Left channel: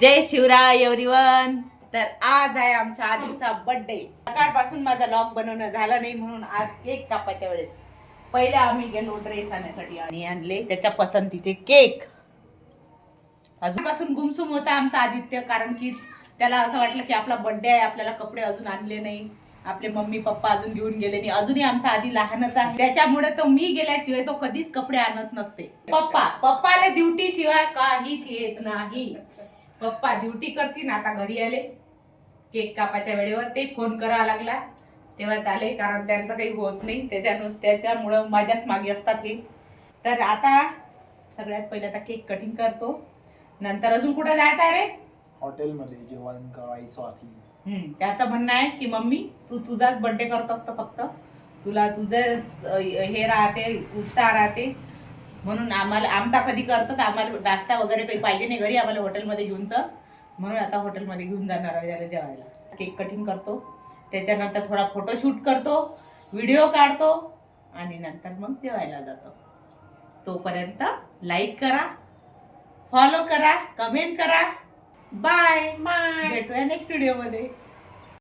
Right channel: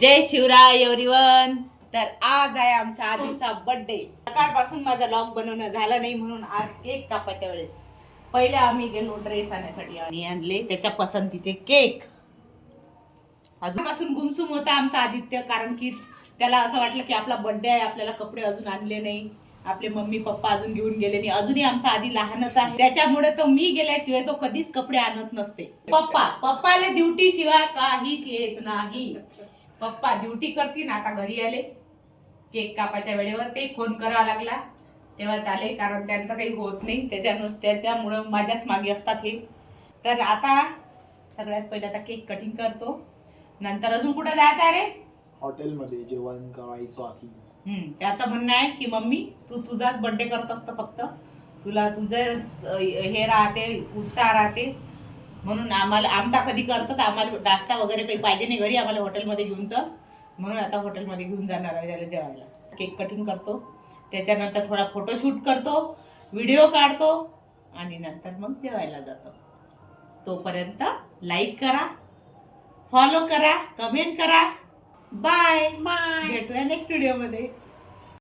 जय Shivray everyone. तर आज आहे आमच्या आजीचा बर्थडे. सकाळपासून माझा लॉग बनवणं झालं नाही म्हणून आज केक कापायच्या वेळेस पहिले आम्ही गेलो ड्रेस आणण्यासाठी आणि आणले त्याच्या पसंतीचे केक. अजूनपासून गुमसुम होता आमचा आदित्य, कारण की त्याला असं वाटलं की आपला बर्थडे आहे, आपल्याला कपडे अजून आणले नाही, आपले मम्मी पप्पा अजून घेऊन गेले नाही, अजूनही आमचा आधी लहानच आहे, त्याच्यामुळे तो मी गेल्याशिवाय तो कधीच कपडे आणत नसते. पप्पाला ड्युटी शिवाय काहीच येत नाही. पप्पा ड्युटी करतील. आता घरी आले केक कापाच्या वेळेवर ते फोन करावा लागला तेव्हा चालेल, कारण त्यांचं काही होत नाही, त्याच्यामुळं माझ्याच मागे असतात हे. तर आता सगळ्यात पहिले आता केक कटिंग करतो, नंतर अजून कुठं जायचं आहे रे? हॉटेलमध्ये जेवण करायचं आहे. त्याचं म्हणणं आहे की मम्मी तू तुझाच बर्थडे करत असतं, फक्त तुला तुझं हे राहते, उत्साह राहते, म्हणून आम्हाला आमचा कधी करतात, आम्हाला नाश्ता वगैरे काही पाहिजे नाही घरी, आम्हाला हॉटेलमध्ये घेऊन चल, म्हणून आता हॉटेलमध्ये घेऊन जाणार आहे त्याला जेवायला. केक कटिंग करतो, त्याच्यानंतर थोडा फोटोशूट करतो, व्हिडिओ काढतो आणि नंतर मग जेवायला जातो. तोपर्यंत लाईक करा, फॉलो करा, कमेंट करा. बाय बाय, भेटूया नेक्स्ट व्हिडिओ मध्ये.